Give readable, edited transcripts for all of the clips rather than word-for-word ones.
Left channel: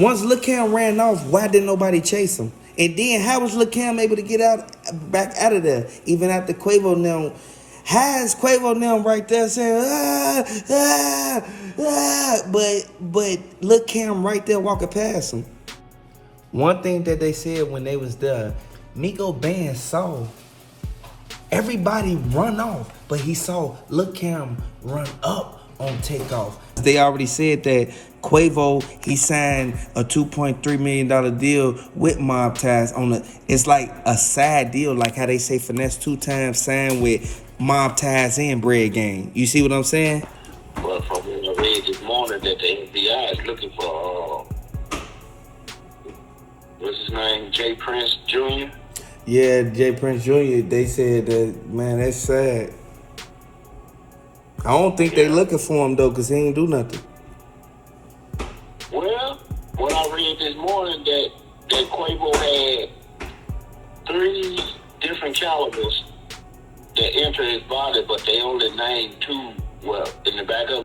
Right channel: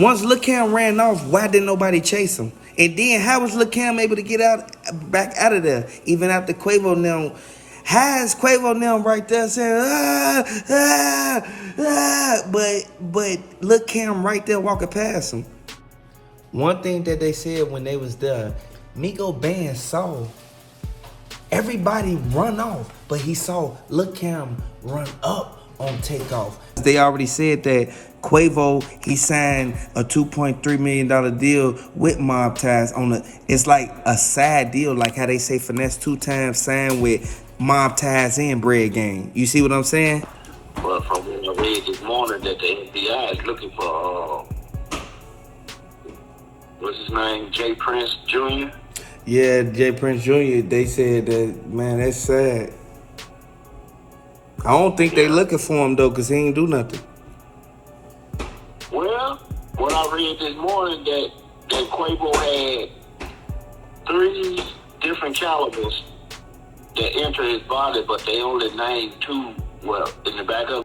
Once Lil Cam ran off, why didn't nobody chase him? And then how was Lil Cam able to get back out of there, even after Quavo now? How is Quavo now right there saying, but Lil Cam right there walking past him? One thing that they said when they was there, Migo Band saw everybody run off, but he saw Lil Cam run up on Takeoff. They already said that Quavo, he signed a $2.3 million deal with MobTies on it's like a side deal, like how they say Finesse 2 times signed with MobTies and Bread Gang. You see what I'm saying? But from what I read this morning that the FBI is looking for, what's his name, J. Prince Jr.? Yeah, J. Prince Jr., they said that, man, that's sad. I don't think they looking for him, though, because he ain't do nothing. Well, what I read this morning that Quavo had 3 different calibers that entered his body, but they only named 2, well, in the back of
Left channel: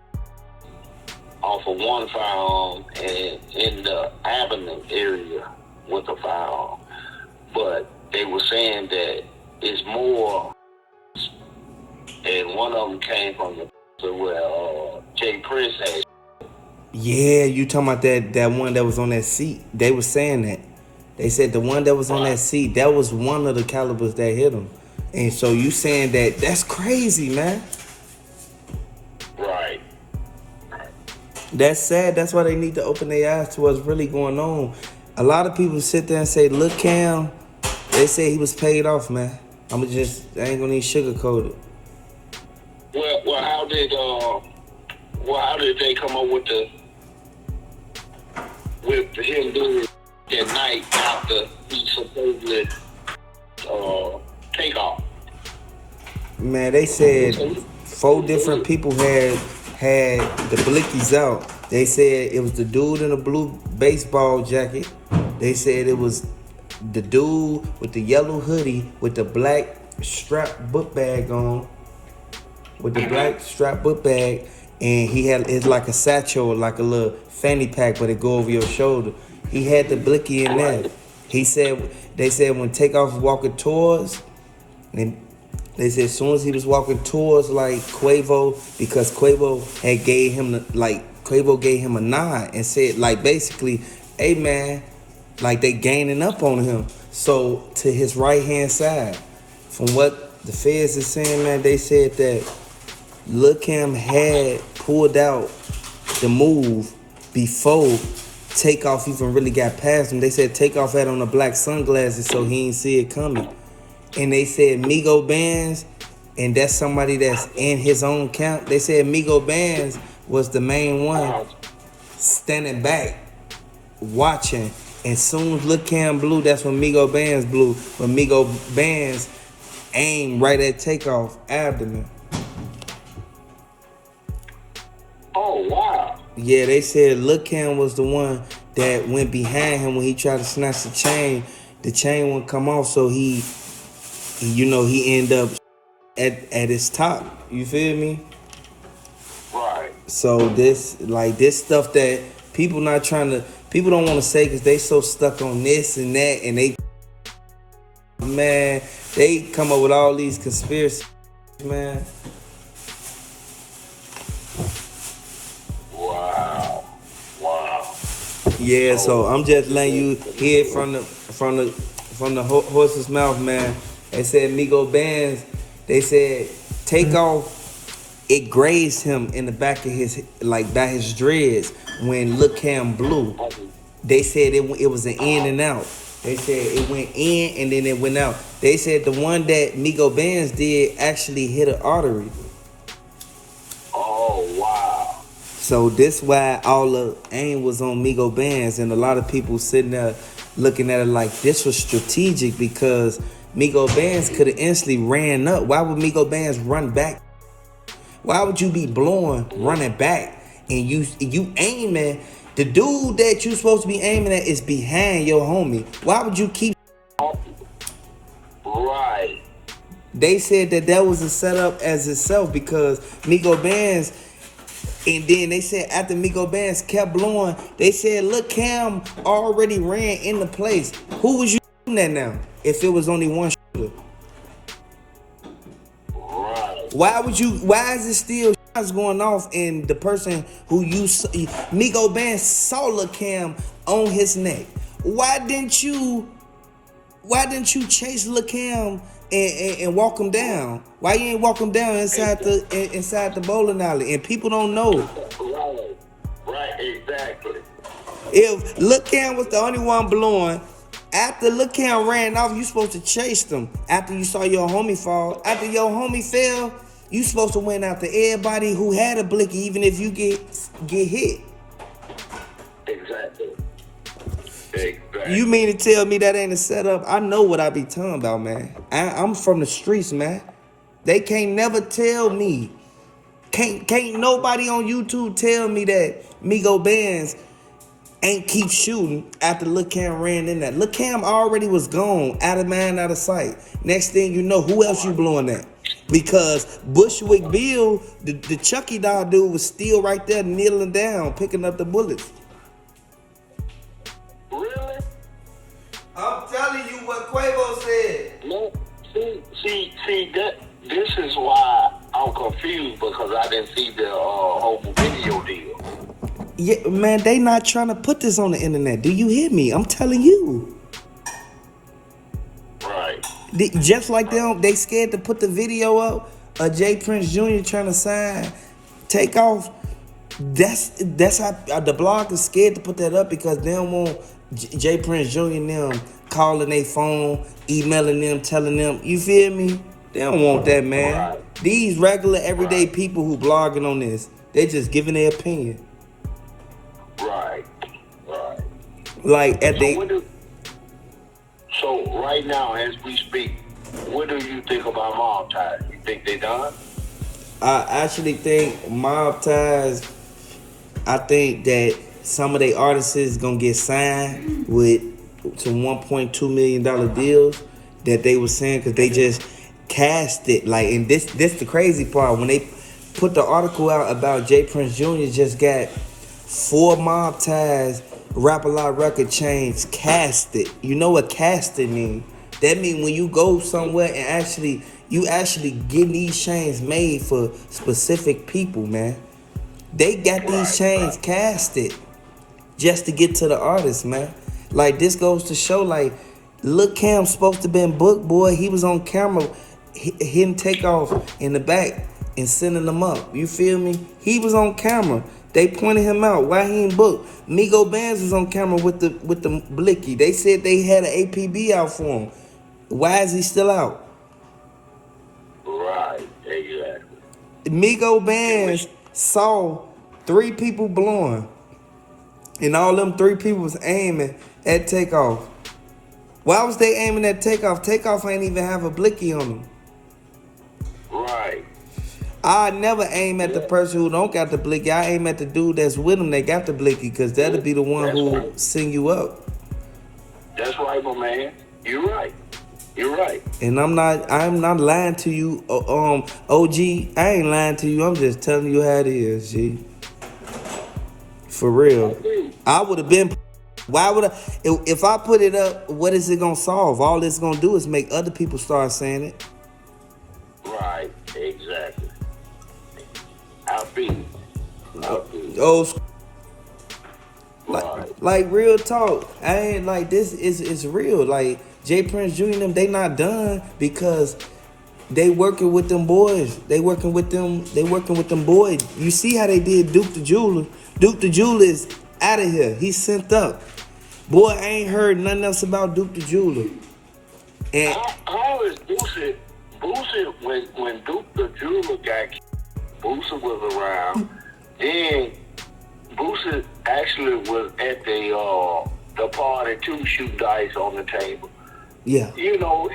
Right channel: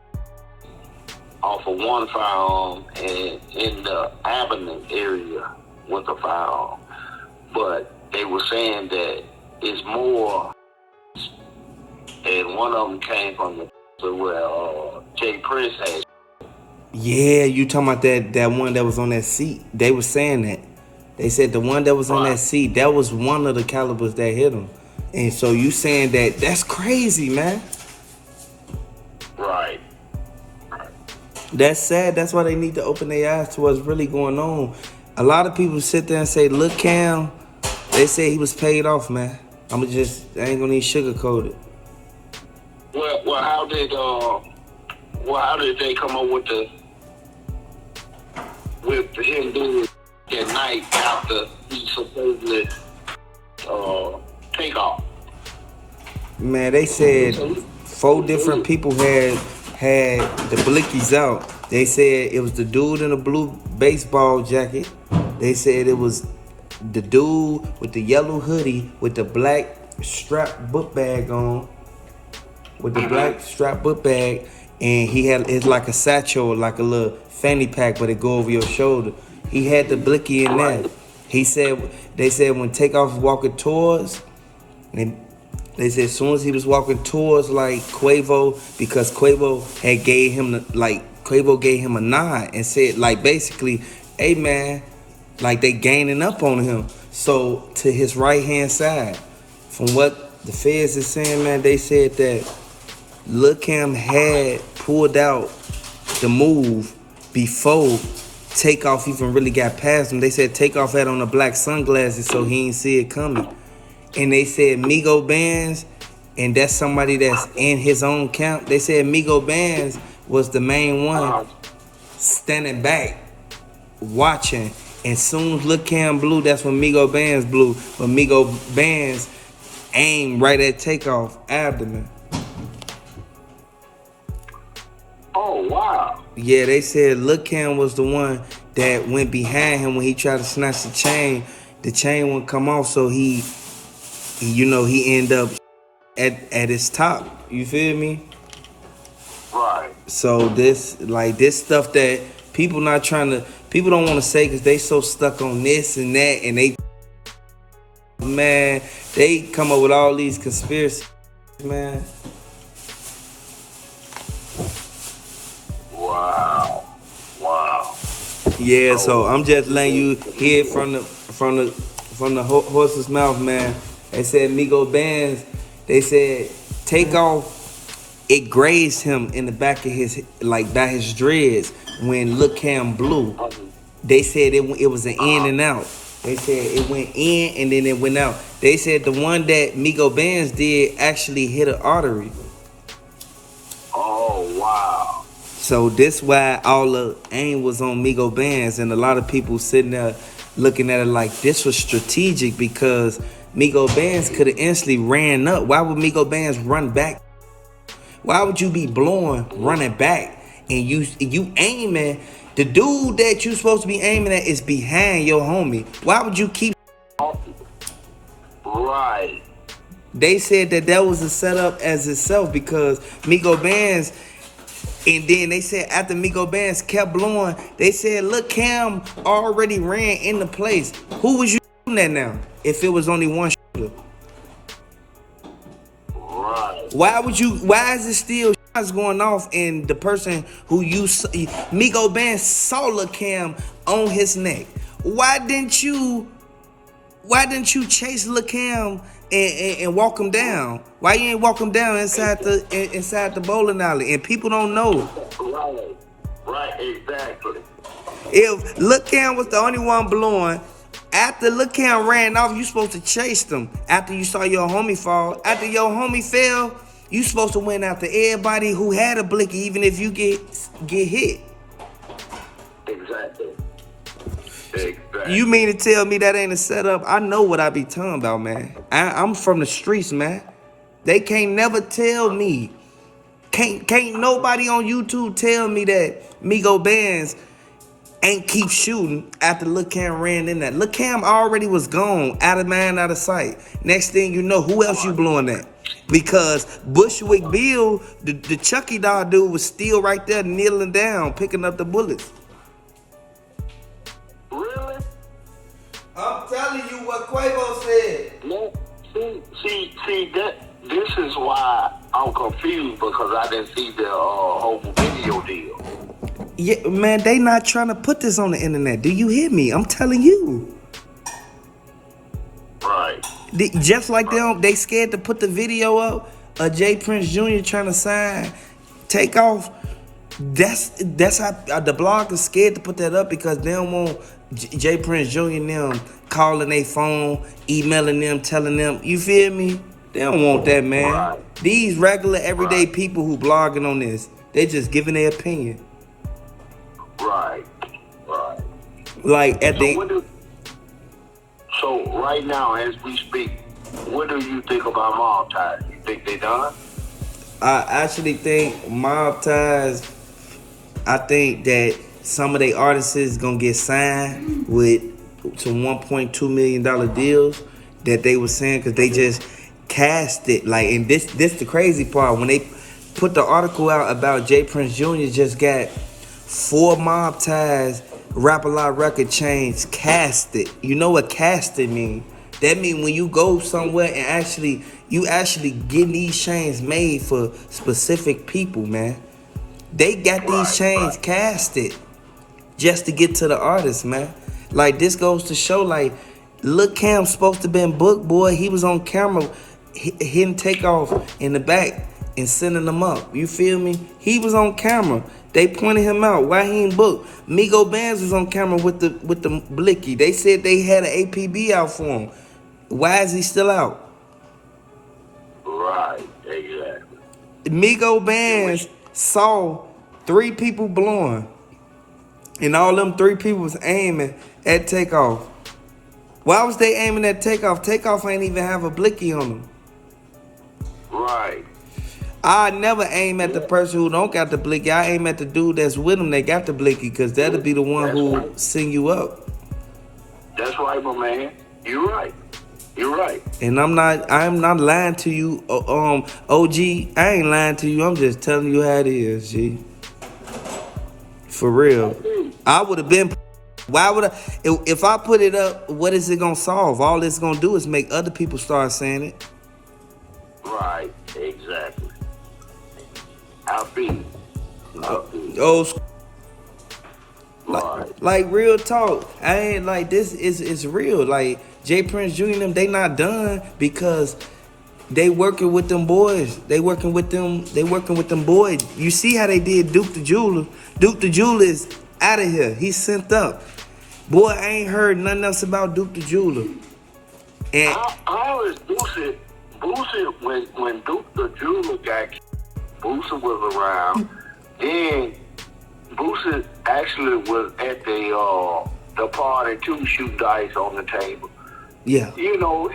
off of one firearm and in the abdomen area with a firearm. But they were saying that it's more, and one of them came from where Jay Prince had. Yeah, you talking about that one that was on that seat. They were saying that. They said the one that was on that seat, that was one of the calibers that hit him. And so you saying that, that's crazy, man. Right. That's sad. That's why they need to open their eyes to what's really going on. A lot of people sit there and say, look, Cam, they say he was paid off, man. I ain't gonna need sugarcoat it. Well, how did they come up with him doing that night after he supposedly Takeoff? Man, they said 4 different people had the blickies out. They said it was the dude in a blue baseball jacket. They said it was the dude with the yellow hoodie with the black strap book bag on. With the black strap book bag. And it's like a satchel, like a little fanny pack, but it go over your shoulder. He had the blicky in there. They said when Takeoff was walking towards, they said as soon as he was walking towards like Quavo, because Quavo gave him a nod and said like basically, hey man, like they gaining up on him. So to his right hand side, from what the feds is saying, man, they said that Lil Cam had pulled out the move before Takeoff even really got past him. They said Takeoff had on the black sunglasses so he ain't see it coming. And they said Migo Bands, and that's somebody that's in his own camp. They said Migo Bands was the main one standing back, watching. And soon as Lil Cam blew, that's when Migo Bands blew. But Migo Bands aimed right at Takeoff abdomen. Oh, wow. Yeah, they said Lil Cam was the one that went behind him when he tried to snatch the chain. The chain wouldn't come off, so he ended up at his top. You feel me? Right. So this stuff that people don't want to say because they so stuck on this and that, and they come up with all these conspiracies, man. Wow. Yeah, so I'm just letting you hear from the horse's mouth, man. They said Migo Bands, they said Takeoff, it grazed him in the back of his, like by his dreads when Lil Cam blew. They said it was an in and out. They said it went in and then it went out. They said the one that Migo Bands did actually hit an artery. Oh, wow. So this why all the aim was on Migo Bands, and a lot of people sitting there looking at it like this was strategic because Migo Bands could have instantly ran up. Why would Migo Bands run back? Why would you be blowing, running back, and you aiming? The dude that you supposed to be aiming at is behind your homie. Why would you keep? Right. They said that was a setup as itself because Migo Bands, And then they said after Migo Bands kept blowing, they said, look, Cam already ran into place. Who was you shooting at now? If it was only one shooter. Right. Why is it still shots going off and the person who Migo Bands saw Lil Cam on his neck? Why didn't you chase Lil Cam and walk him down? Why you ain't walk him down inside the bowling alley? And people don't know. Right, exactly. If Lil Cam was the only one blowing, after Lil Cam ran off, you supposed to chase them. After you saw your homie fall, after your homie fell, you supposed to win after everybody who had a blicky, even if you get hit. Exactly. You mean to tell me that ain't a setup? I know what I be talking about, man. I'm from the streets, man. They can't never tell me. Can't nobody on YouTube tell me that Migo Bands ain't keep shooting after Lil Cam ran in there. Lil Cam already was gone, out of mind, out of sight. Next thing you know, who else you blowing at? Because Bushwick Bill, the Chucky doll dude, was still right there kneeling down, picking up the bullets. Really? I'm telling you what Quavo said. No, see, this is why I'm confused, because I didn't see the whole video deal. Yeah, man, they not trying to put this on the internet. Do you hear me? I'm telling you. Right. Just like they scared to put the video up of Jay Prince Jr. trying to sign Takeoff. That's how the blog is scared to put that up, because they don't want Jay Prince Jr. and them calling their phone, emailing them, telling them. You feel me? They don't want that, man. Right. These regular, everyday people who blogging on this, they just giving their opinion. Right. Like at So right now, as we speak, what do you think about MobTies? You think they done? I actually think MobTies, I think that some of their artists is gonna get signed with some $1.2 million deals that they were saying, because they just cast it. Like, and this the crazy part, when they put the article out about Jay Prince Jr. just got 4 MobTies Rap-A-Lot record chains casted. You know what casted mean? That mean when you go somewhere and you actually get these chains made for specific people, man. They got these chains casted just to get to the artist, man. Like, this goes to show, like, Lil Cam's supposed to been booked, boy. He was on camera hitting Takeoff in the back and sending them up. You feel me? He was on camera. They pointed him out. Why he ain't booked? Migo Bands was on camera with the blicky. They said they had an APB out for him. Why is he still out? Right, exactly. Migo Bands saw 3 people blowing, and all them 3 people was aiming at Takeoff. Why was they aiming at Takeoff? Takeoff ain't even have a blicky on him. Right. I never aim at the person who don't got the blicky. I aim at the dude that's with him that got the blicky, because that'll be the one who sing you up. That's right, my man. You're right. And I'm not lying to you, OG. I ain't lying to you. I'm just telling you how it is, G. For real. I would have been. Why would I? If I put it up, what is it gonna solve? All it's gonna do is make other people start saying it. Right. Exactly. I'll be. Like real talk. I ain't like this is real. Like Jay Prince Jr. and them, they not done because they working with them boys. They working with them boys. You see how they did Duke the Jeweler. Duke the Jeweler is out of here. He's sent up. Boy, I ain't heard nothing else about Duke the Jeweler. And how is Boosie when Duke the Jeweler got Boosie was around, then Boosie actually was at the party to shoot dice on the table. Yeah. You know,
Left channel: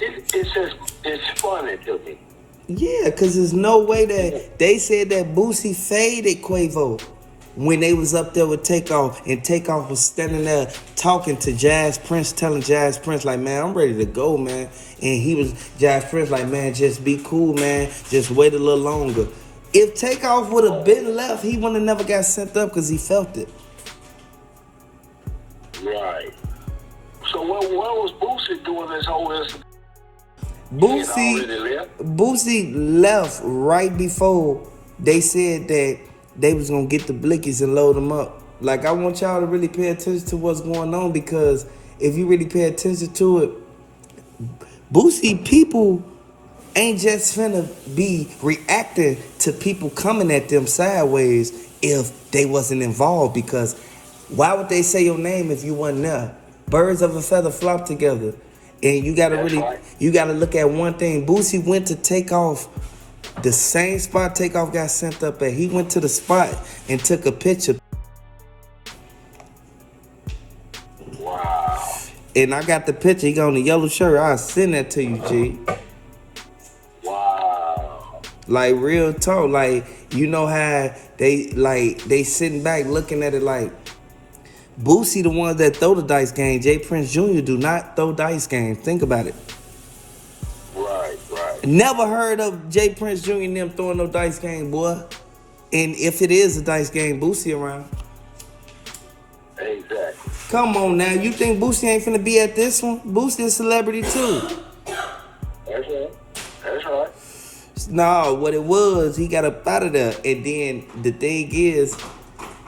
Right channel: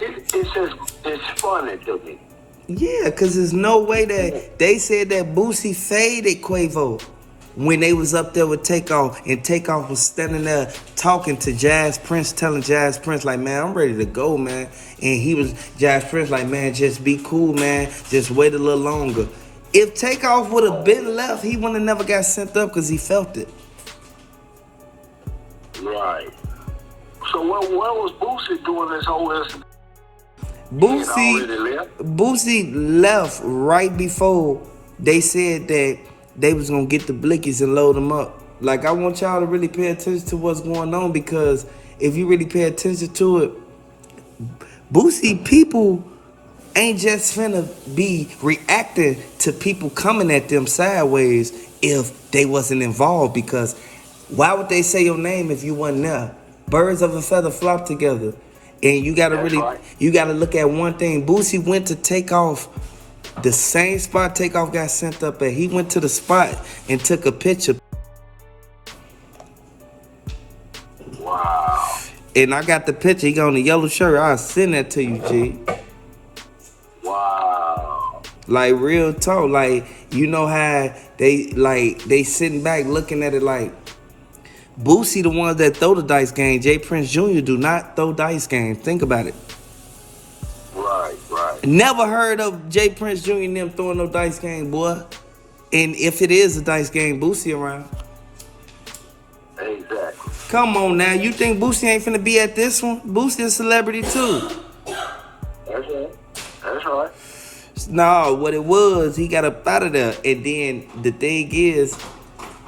it's just it's funny to me. Yeah, because there's no way that they said that Boosie faded Quavo when they was up there with Takeoff, and Takeoff was standing there talking to Jazz Prince, telling Jazz Prince, like, man, I'm ready to go, man. And Jazz Prince like, man, just be cool, man. Just wait a little longer. If Takeoff would have been left, he wouldn't have never got sent up because he felt it. Right. So what was Boosie doing this whole incident? Boosie left right before they said that they was gonna get the blickies and load them up. Like, I want y'all to really pay attention to what's going on, because if you really pay attention to it, Boosie people ain't just finna be reacting to people coming at them sideways if they wasn't involved, because why would they say your name if you wasn't there? Birds of a feather flock together. And you gotta you gotta look at one thing. Boosie went to Takeoff, the same spot Takeoff got sent up at. He went to the spot and took a picture. Wow. And I got the picture. He got on the yellow shirt. I'll send that to you, G. Wow. Like, real talk. Like, you know how they sitting back looking at it like, Boosie the ones that throw the dice game. J. Prince Jr. do not throw dice game. Think about it. Right. Never heard of J. Prince Jr. and them throwing no dice game, boy. And if it is a dice game, Boosie around. Exactly. Come on now. You think Boosie ain't finna be at this one? Boosie a celebrity too. That's right. No, what it was, he got up out of there. And then the thing is,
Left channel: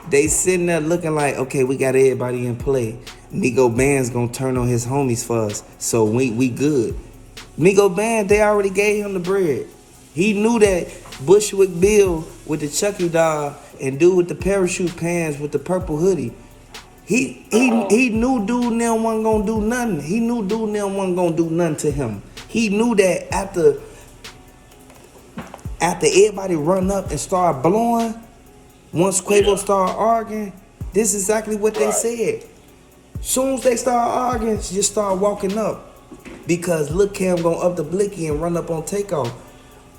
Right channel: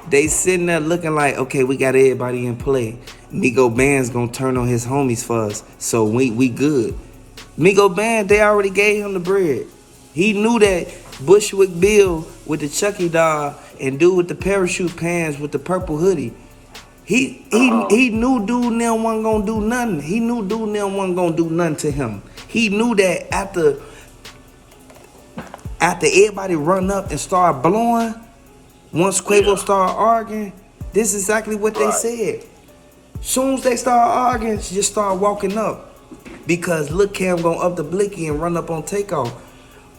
they sitting there looking like, okay, we got everybody in play. Migo Band's gonna turn on his homies for us, so we good. Migo Band, they already gave him the bread. He knew that Bushwick Bill with the Chucky doll and dude with the parachute pants with the purple hoodie, he knew dude and them wasn't gonna do nothing. He knew dude and them wasn't gonna do nothing to him. He knew that after everybody run up and start blowing, once Quavo started arguing, this is exactly what they said. Soon as they start arguing, just start walking up. Because Lil Cam gonna up the blicky and run up on Takeoff.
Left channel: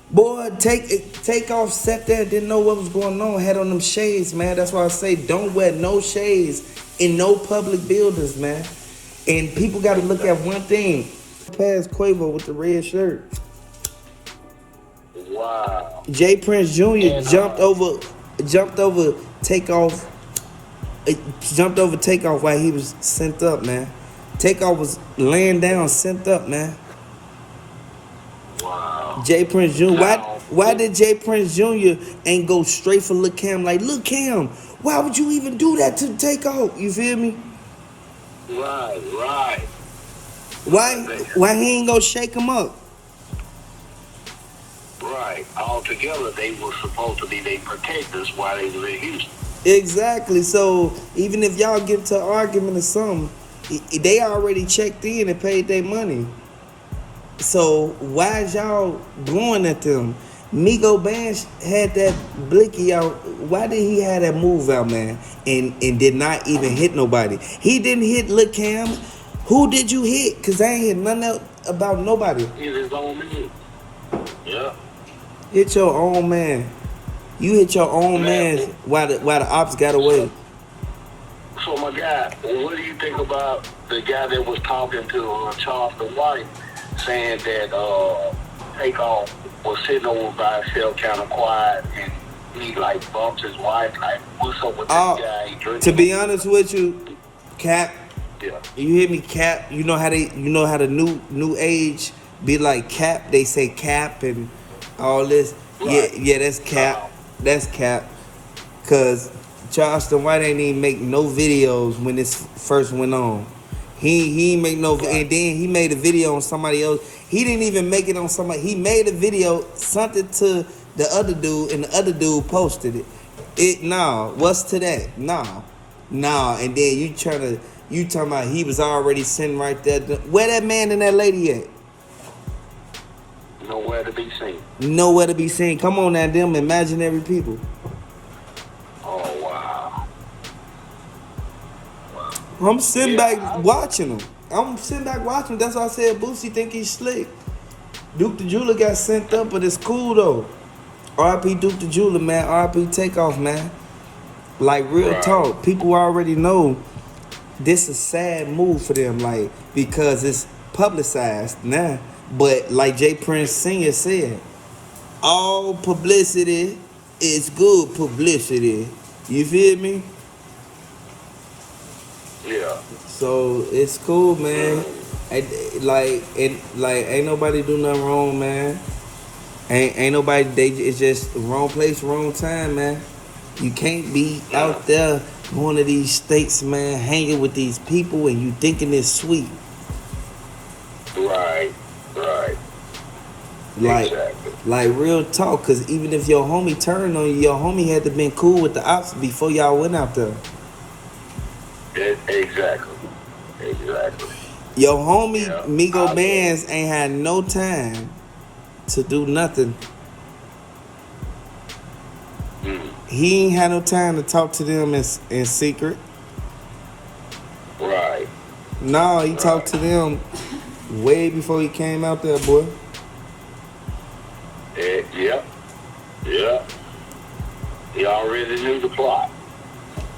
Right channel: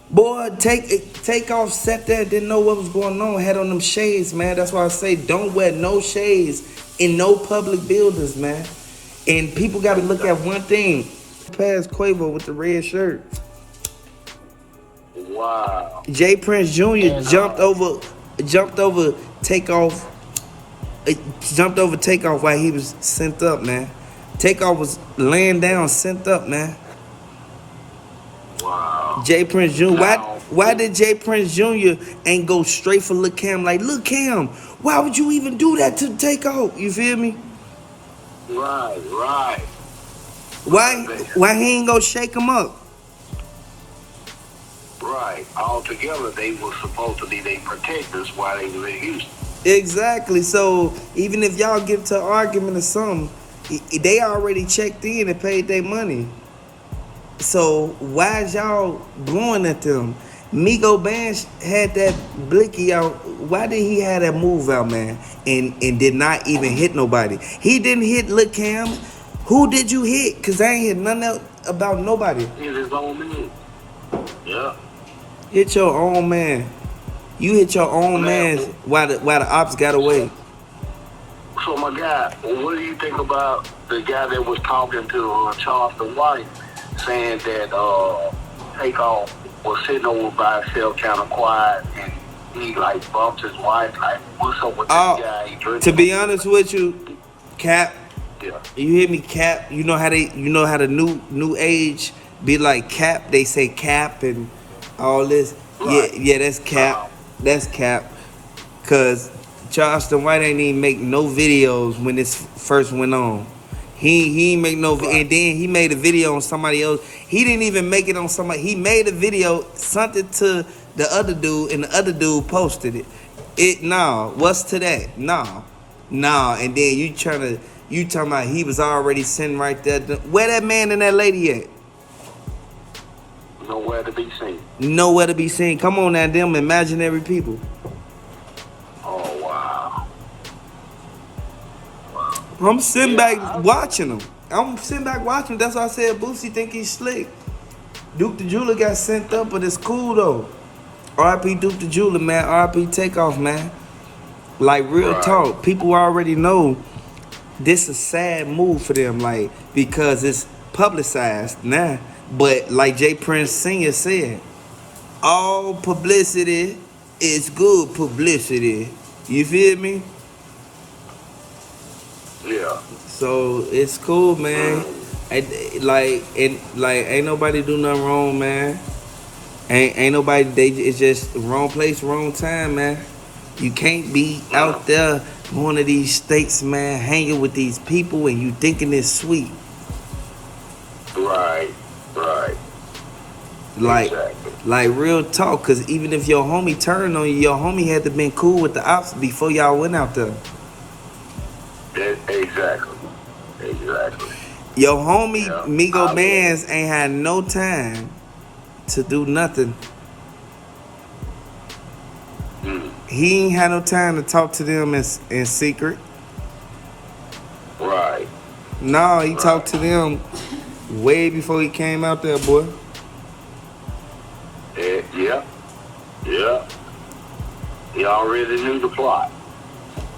Boy, Takeoff sat there, didn't know what was going on, had on them shades, man. That's why I say don't wear no shades in no public buildings, man. And people gotta look at one thing. Past Quavo with the red shirt. Wow. J. Prince Jr. jumped over Takeoff. Jumped over Takeoff while he was sent up, man. Takeoff was laying down, sent up, man. Wow. J. Prince Jr. Why did J. Prince Jr. ain't go straight for Lil Cam? Like, Lil Cam, why would you even do that to Takeoff? You feel me? Right. Why he ain't gonna shake him up? Right. Altogether, they were supposed to be their protectors while they were in Houston. Exactly. So even if y'all get into an argument or something, they already checked in and paid their money. So why is y'all blowing at them? Migo Band had that blicky out. Why did he have that move out, man? And did not even hit nobody. He didn't hit Lil Cam. Who did you hit? Cause I ain't hit nothing else about nobody. Hit his own man. Yeah. Hit your own man. You hit your own man while the ops got away. So my guy, what do you think about the guy that was talking to Charleston White, saying that Takeoff was sitting over by himself, kind of quiet, and he like bumped his wife, like, what's up with this guy? To be honest with you, Cap, yeah. You hear me, Cap? You know how the new age be like Cap? They say Cap and all this. Right. Yeah, that's Cap. That's Cap. Cause Charleston White ain't even make no videos when this first went on. He ain't make no, and then he made a video on somebody else. He didn't even make it on somebody. He made a video, sent it to the other dude, and the other dude posted it. What's to that? And then you talking about he was already sitting right there. Where that man and that lady at? Nowhere to be seen. Nowhere to be seen. Come on now, them imaginary people. Oh, wow. I'm sitting back watching them. That's why I said Boosie think he's slick. Duke the Jeweler got sent up, but it's cool though. R.I.P. Duke the Jeweler, man. R.I.P. Takeoff, man. Like, real talk. People already know this is a sad move for them, like, because it's publicized now. But like J. Prince Sr. said, all publicity it's good publicity. You feel me? Yeah. So it's cool, man. Ain't nobody do nothing wrong, man. Ain't nobody. It's just wrong place, wrong time, man. You can't be out there going to these states, man, hanging with these people, and you thinking it's sweet. Right. Like real talk. Cause even if your homie turned on you, your homie had to been cool with the ops before y'all went out there. Exactly. Your homie Migo Bands ain't had no time to do nothing. He ain't had no time to talk to them in secret. Right. No, he talked to them way before he came out there, boy. Yeah. He already knew the plot.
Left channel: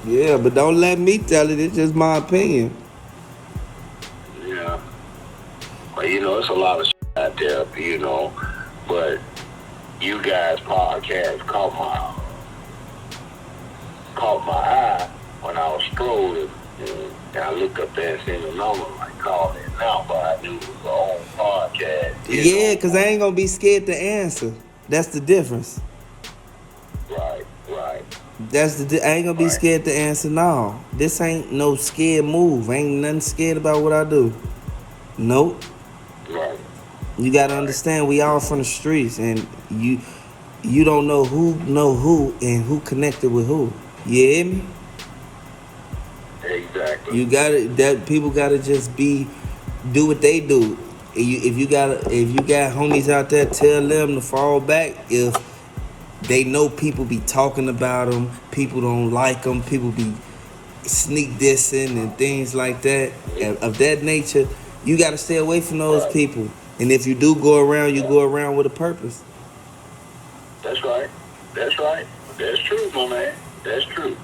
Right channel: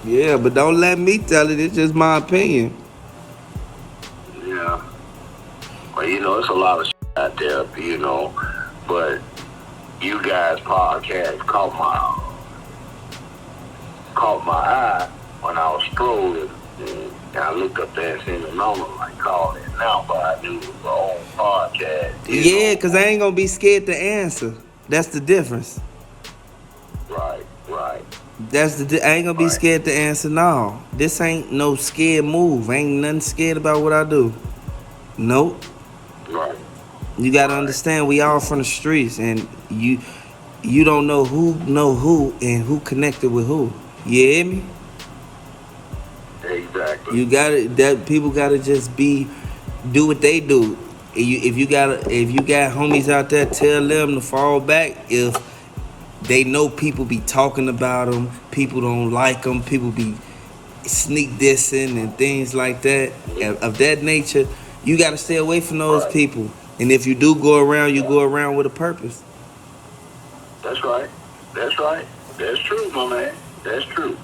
Yeah, but don't let me tell it. It's just my opinion. Yeah. Well, it's a lot of shit out there, but you guys' podcast caught my eye when I was strolling. And I looked up there and seen the number like calling it now, but I knew it was my own podcast. Yeah, because I ain't going to be scared to answer. That's the difference. Right. I ain't going to be scared to answer, no. This ain't no scared move. Ain't nothing scared about what I do. Nope. Right. You got to understand, we all from the streets, and you don't know who and who connected with who. You hear me? Exactly. People gotta just do what they do. If you got homies out there, tell them to fall back. If they know people be talking about them, people don't like them, people be sneak dissing and things like that of that nature, you gotta stay away from those people. And if you do go around, you go around with a purpose. That's right. That's true, my man. That's true.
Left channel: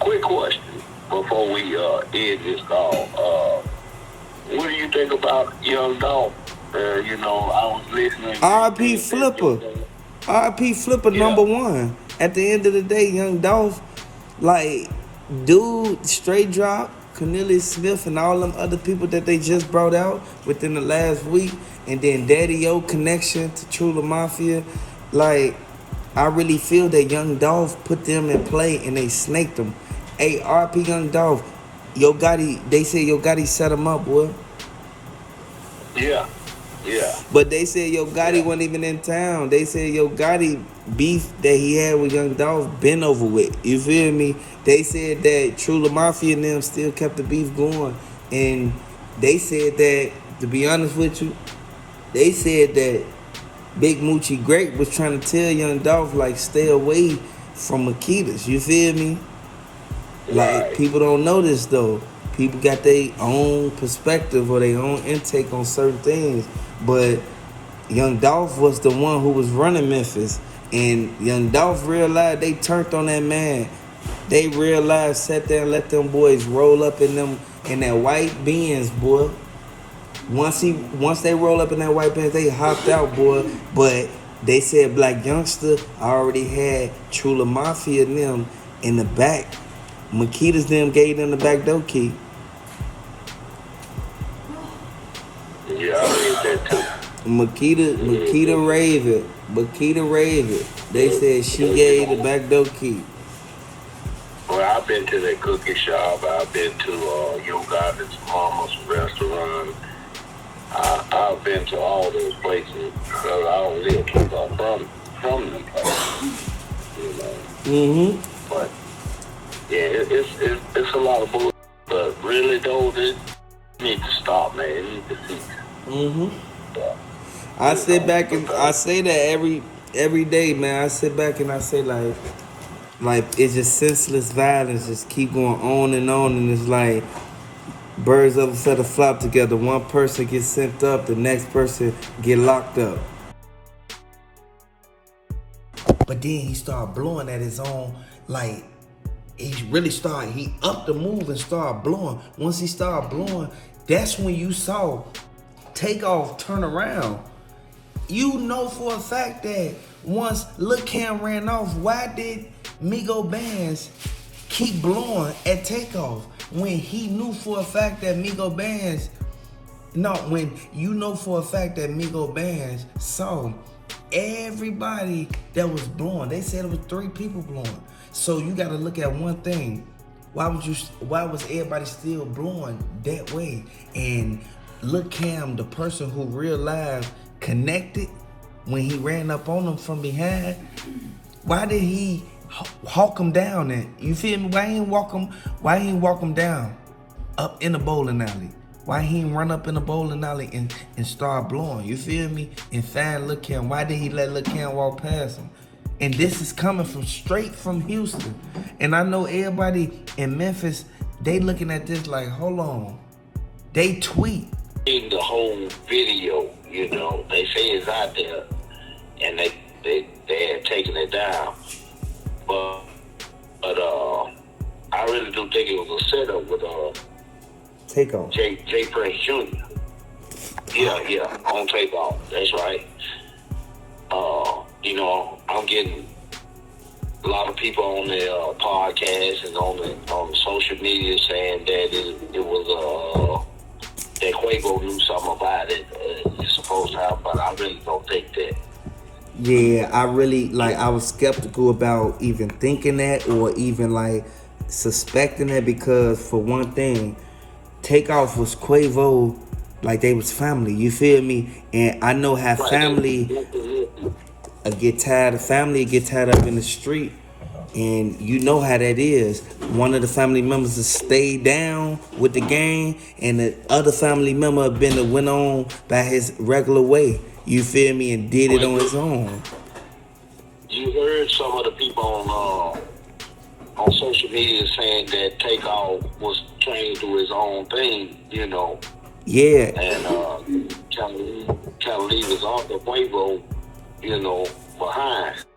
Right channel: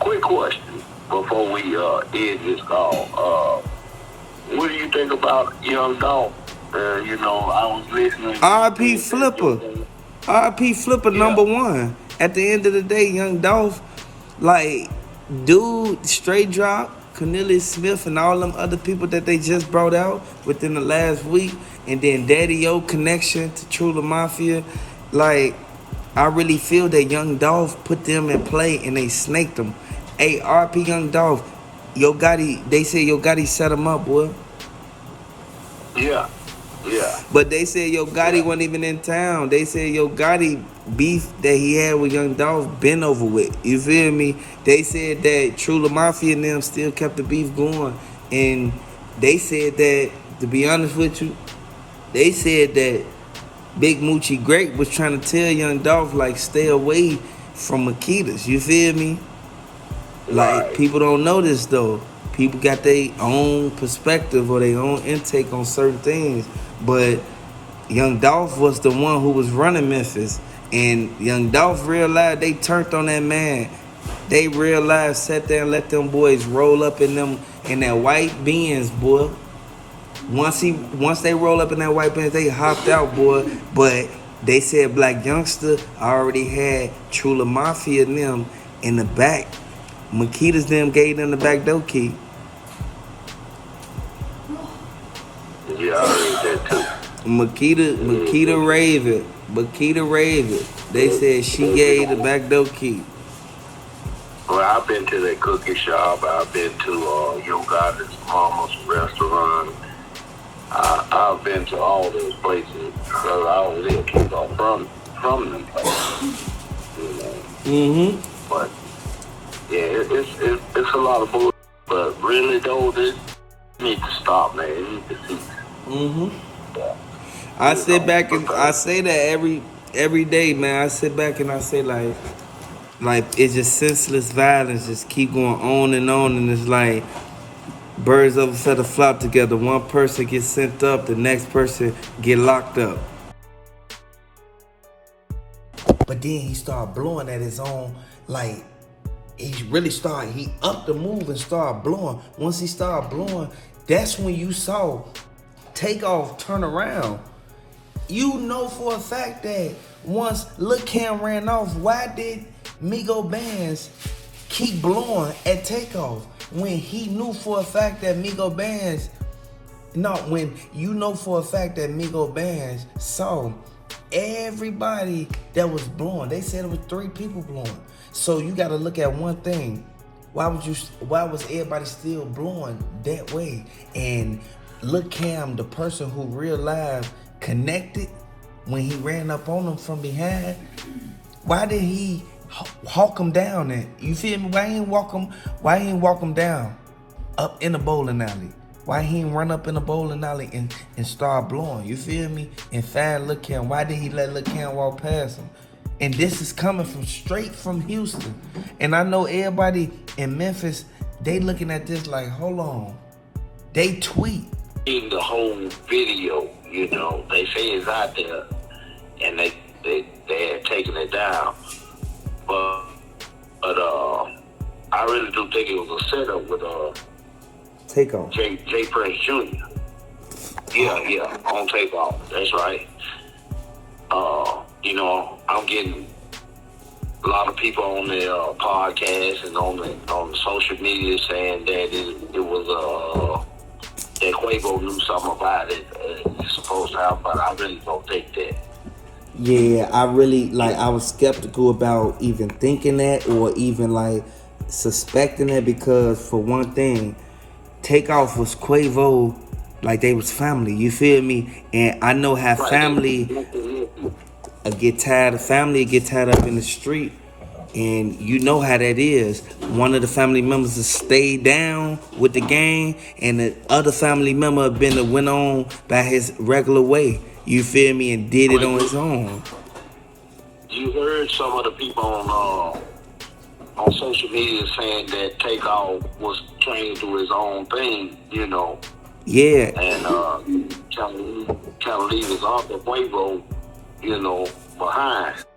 Quick question before we end this call. What do you think about Young Dolph? I was listening. R.I.P. Flipper. R.I.P. Flipper number one. At the end of the day, Young Dolph, dude, straight drop, Cornelius Smith and all them other people that they just brought out within the last week, and then Daddy O connection to True La Mafia, I really feel that Young Dolph put them in play and they snaked them. Hey, RP Young Dolph, Yo Gotti, they say Yo Gotti set him up, boy. Yeah. But they said Yo Gotti wasn't even in town. They said Yo Gotti beef that he had with Young Dolph been over with. You feel me? They said that True La Mafia and them still kept the beef going. And they said that, to be honest with you, they said that Big Moochie Great was trying to tell Young Dolph, stay away from Makitas. You feel me? People don't know this, though. People got their own perspective or their own intake on certain things. But Young Dolph was the one who was running Memphis. And Young Dolph realized they turned on that man. They realized, sat there and let them boys roll up in that white Benz, boy. Once they roll up in that white Benz, they hopped out, boy. But they said Black Youngster already had True La Mafia and them in the back. Makita's them gave them the back door key. Yeah, I read that too. Makita Raven. They said she gave the back door key. Well, I've been to that cookie shop. I've been to Yo Gotti's mama's restaurant. I've been to all those places. I don't live too far from them places. But yeah, it's a lot of bull. But really though, this need to stop, man. It need to cease. I sit back and I say that every day, man. I sit back and I say like it's just senseless violence just keep going on, and it's like birds of a feather flock together. One person gets sent up, the next person get locked up. But then he started blowing at his own, he upped the move and started blowing. Once he started blowing, that's when you saw Takeoff turn around. You know for a fact that once Lil Cam ran off, why did Migo Bands keep blowing at Takeoff when he knew for a fact that Migo Bands, when you know for a fact that Migo Bands saw everybody that was blowing. They said it was 3 people blowing. So you got to look at one thing. Why was everybody still blowing that way? And Lil Cam, the person who real live connected when he ran up on them from behind, why did he hawk him down then? You feel me? Why he ain't walk him down up in the bowling alley? Why he ain't run up in the bowling alley and start blowing? You feel me? And find Lil Cam. Why did he let Lil Cam walk past him? And this is coming from straight from Houston. And I know everybody in Memphis, they looking at this like, hold on. They tweet. In the whole video, you know, they say it's out there, and they had taken it down. But I really do think it was a setup with Takeoff. J Prince Jr. Yeah, on Takeoff. That's right. You know, I'm getting a lot of people on their podcast and on the social media saying that it was that Quavo knew something about it. It's supposed to happen, but I really don't think that. Yeah, I was skeptical about even thinking that or even like suspecting that, because for one thing, Takeoff was Quavo, like they was family, you feel me? And I know how family get tired up in the street, and you know how that is. One of the family members has stayed down with the gang, and the other family member went on by his regular way, you feel me, and did it on his own. You heard some of the people on social media saying that Takeoff was trained to his own thing, you know. Yeah. And trying to leave his uncle Quavo, you know, behind.